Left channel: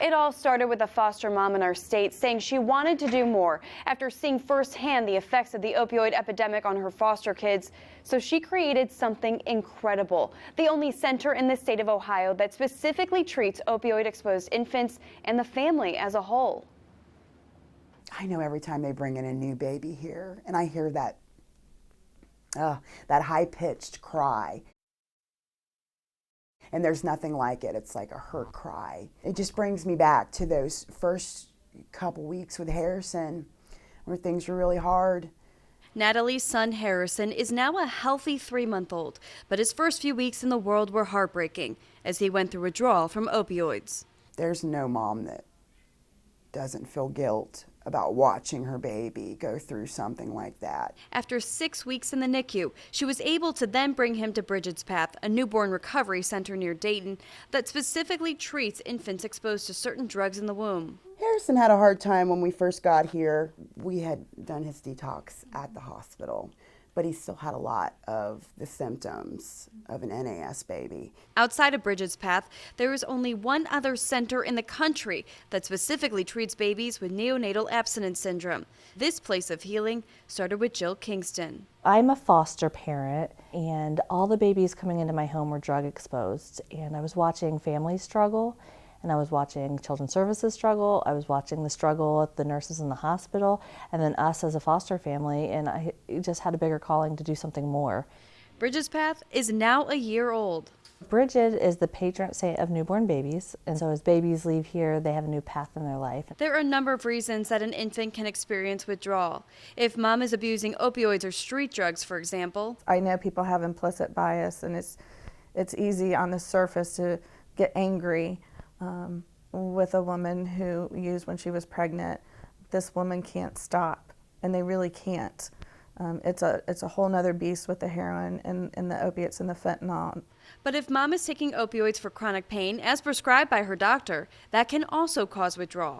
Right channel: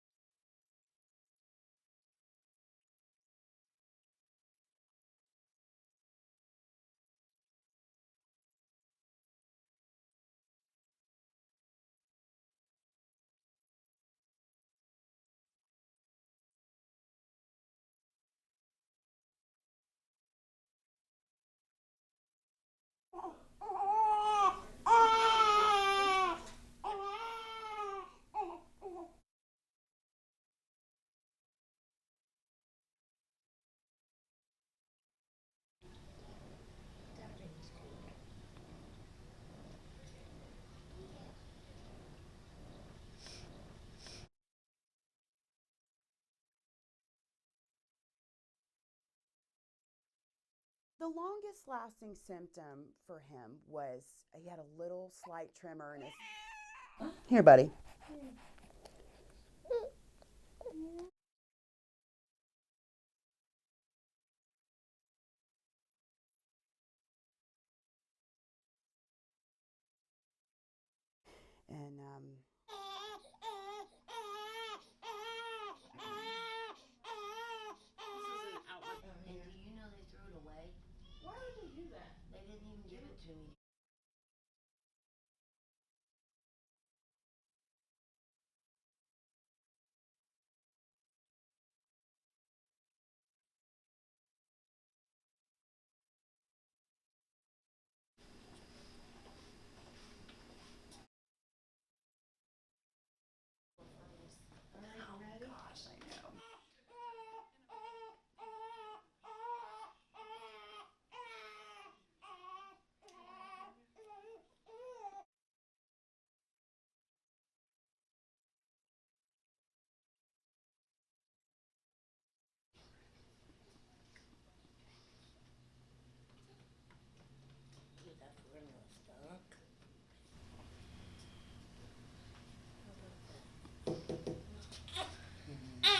It all started with a foster mom in our state saying she wanted to do more after seeing firsthand the effects of the opioid epidemic on her foster kids. So she created something incredible, the only center in the state of Ohio that specifically treats opioid-exposed infants and the family as a whole. I know every time they bring in a new baby here, and I hear that high-pitched cry. And there's nothing like it. It's like a hurt cry. It just brings me back to those first couple weeks with Harrison where things were really hard. Natalie's son Harrison is now a healthy 3-month-old, but his first few weeks in the world were heartbreaking as he went through withdrawal from opioids. There's no mom that doesn't feel guilt about watching her baby go through something like that. After 6 weeks in the NICU, she was able to then bring him to Bridgid's Path, a newborn recovery center near Dayton that specifically treats infants exposed to certain drugs in the womb. Harrison had a hard time when we first got here. We had done his detox at the hospital, but he still had a lot of the symptoms of an NAS baby. Outside of Bridgid's Path, there is only one other center in the country that specifically treats babies with neonatal abstinence syndrome. This place of healing started with Jill Kingston. I'm a foster parent, and all the babies coming into my home were drug exposed, and I was watching families struggle, and I was watching children's services struggle. I was watching the struggle at the nurses in the hospital, and then us as a foster family, and I just had a bigger calling to do something more. Bridgid's Path is now a year old. Bridgid is the patron saint of newborn babies, and so as babies leave here, they have a new path in their life. There are a number of reasons that an infant can experience withdrawal. If mom is abusing opioids or street drugs, for example. I know people have implicit bias, and it's easy on the surface to get angry with a woman who used when she was pregnant. This woman can't stop, and they really can't. It's a whole nother beast with the heroin and the opiates and the fentanyl. But if mom is taking opioids for chronic pain, as prescribed by her doctor, that can also cause withdrawal.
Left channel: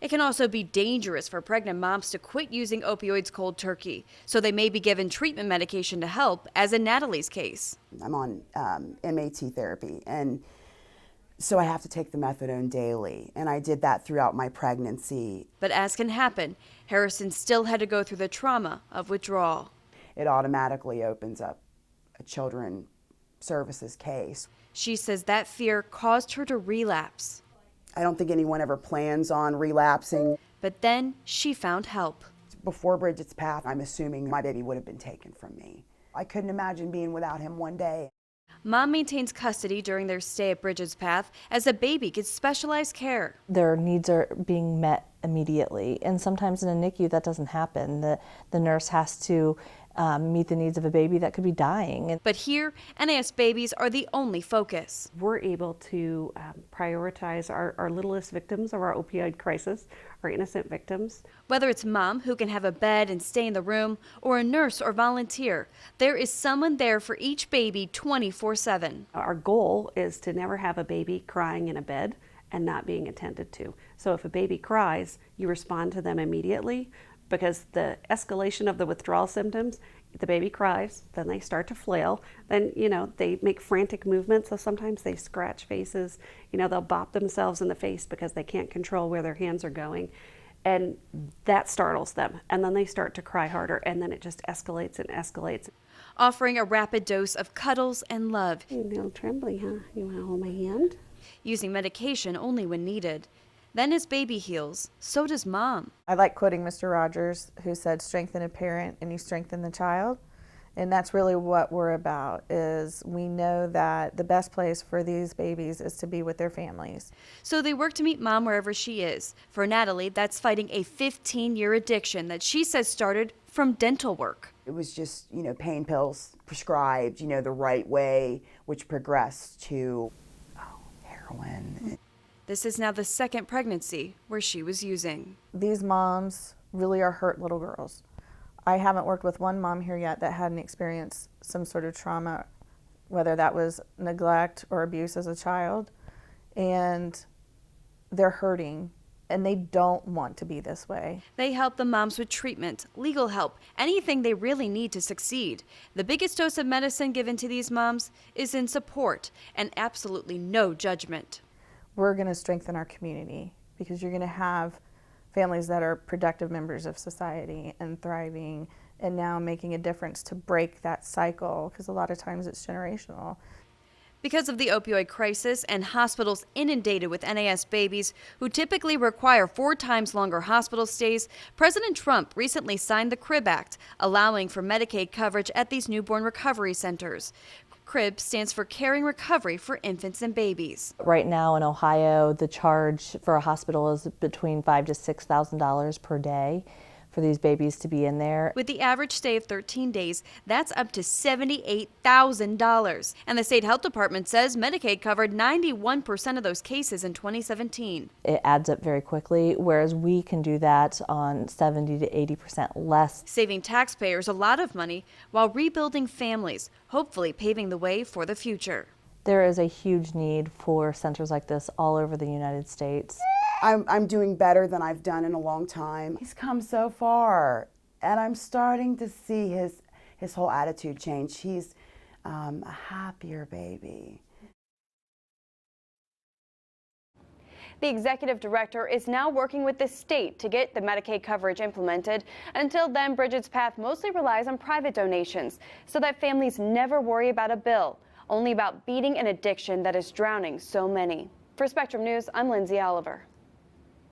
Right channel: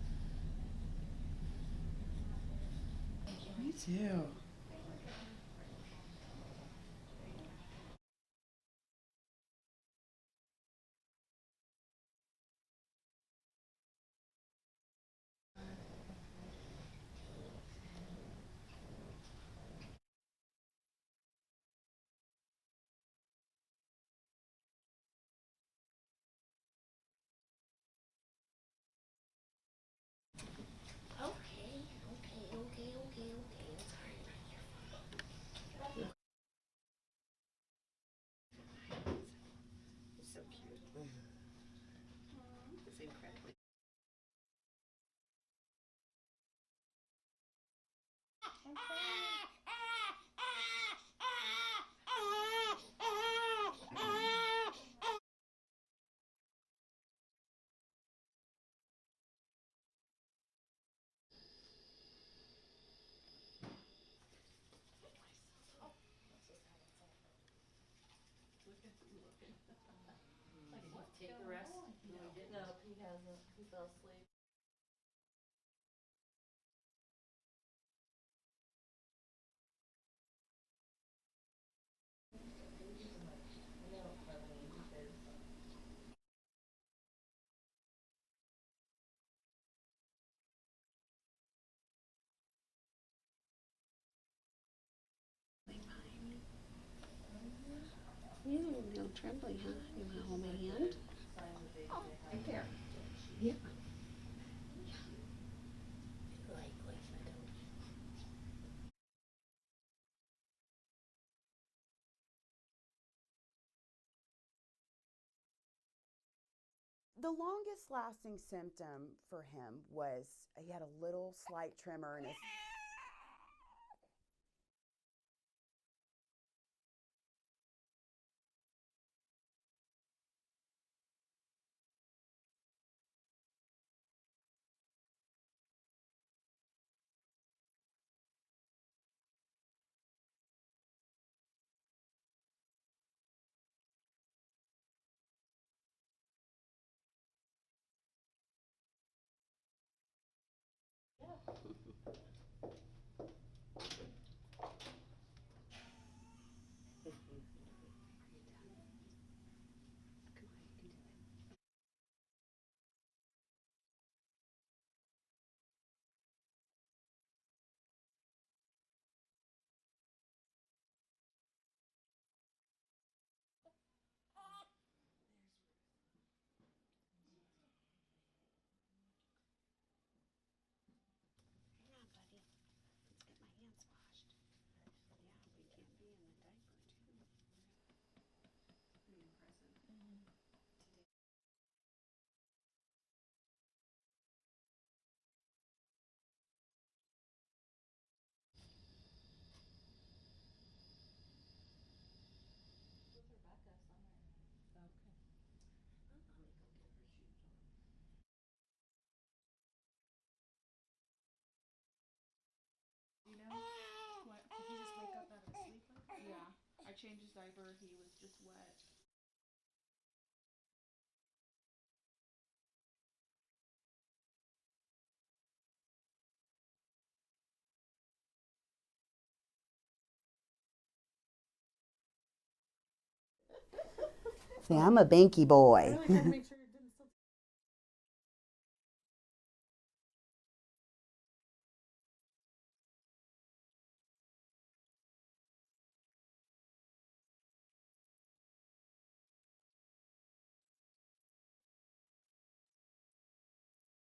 It can also be dangerous for pregnant moms to quit using opioids cold turkey, so they may be given treatment medication to help, as in Natalie's case. I'm on MAT therapy, and so I have to take the methadone daily, and I did that throughout my pregnancy. But as can happen, Harrison still had to go through the trauma of withdrawal. It automatically opens up a children's services case. She says that fear caused her to relapse. I don't think anyone ever plans on relapsing. But then she found help. Before Bridgid's Path, I'm assuming my baby would have been taken from me. I couldn't imagine being without him one day. Mom maintains custody during their stay at Bridgid's Path as the baby gets specialized care. Their needs are being met immediately, and sometimes in a NICU that doesn't happen. The nurse has to meet the needs of a baby that could be dying. But here, NAS babies are the only focus. We're able to prioritize our littlest victims of our opioid crisis, our innocent victims. Whether it's mom who can have a bed and stay in the room, or a nurse or volunteer, there is someone there for each baby 24/7. Our goal is to never have a baby crying in a bed and not being attended to. So if a baby cries, you respond to them immediately, because the escalation of the withdrawal symptoms, the baby cries, then they start to flail, then they make frantic movements, so sometimes they scratch faces, they'll bop themselves in the face because they can't control where their hands are going, and that startles them, and then they start to cry harder, and then it just escalates and escalates. Offering a rapid dose of cuddles and love. You're a little trembly, huh? You want to hold my hand? Using medication only when needed. Then as baby heals, so does mom. I like quoting Mr. Rogers, who said, "Strengthen a parent and you strengthen the child." And that's really what we're about, is we know that the best place for these babies is to be with their families. So they work to meet mom wherever she is. For Natalie, that's fighting a 15-year addiction that she says started from dental work. It was just, pain pills prescribed, the right way, which progressed to heroin. This is now the second pregnancy where she was using. These moms really are hurt little girls. I haven't worked with one mom here yet that hadn't experienced some sort of trauma, whether that was neglect or abuse as a child, and they're hurting, and they don't want to be this way. They help the moms with treatment, legal help, anything they really need to succeed. The biggest dose of medicine given to these moms is in support and absolutely no judgment. we're going to strengthen our community, because you're going to have families that are productive members of society and thriving and now making a difference to break that cycle, because a lot of times it's generational. Because of the opioid crisis and hospitals inundated with NAS babies who typically require 4 times longer hospital stays, President Trump recently signed the CRIB Act, allowing for Medicaid coverage at these newborn recovery centers. CRIB stands for Caring Recovery for Infants and Babies. Right now in Ohio, the charge for a hospital is between $5,000 to $6,000 per day for these babies to be in there. With the average stay of 13 days, that's up to $78,000. And the state health department says Medicaid covered 91% of those cases in 2017. It adds up very quickly, whereas we can do that on 70 to 80% less. Saving taxpayers a lot of money while rebuilding families, hopefully paving the way for the future. There is a huge need for centers like this all over the United States. I'm doing better than I've done in a long time. He's come so far, and I'm starting to see his whole attitude change. He's a happier baby. See, I'm a banky boy. The executive director is now working with the state to get the Medicaid coverage implemented. Until then, Bridgid's path mostly relies on private donations so that families never worry about a bill, only about beating an addiction that is drowning so many. For Spectrum News, I'm Lindsay Oliver.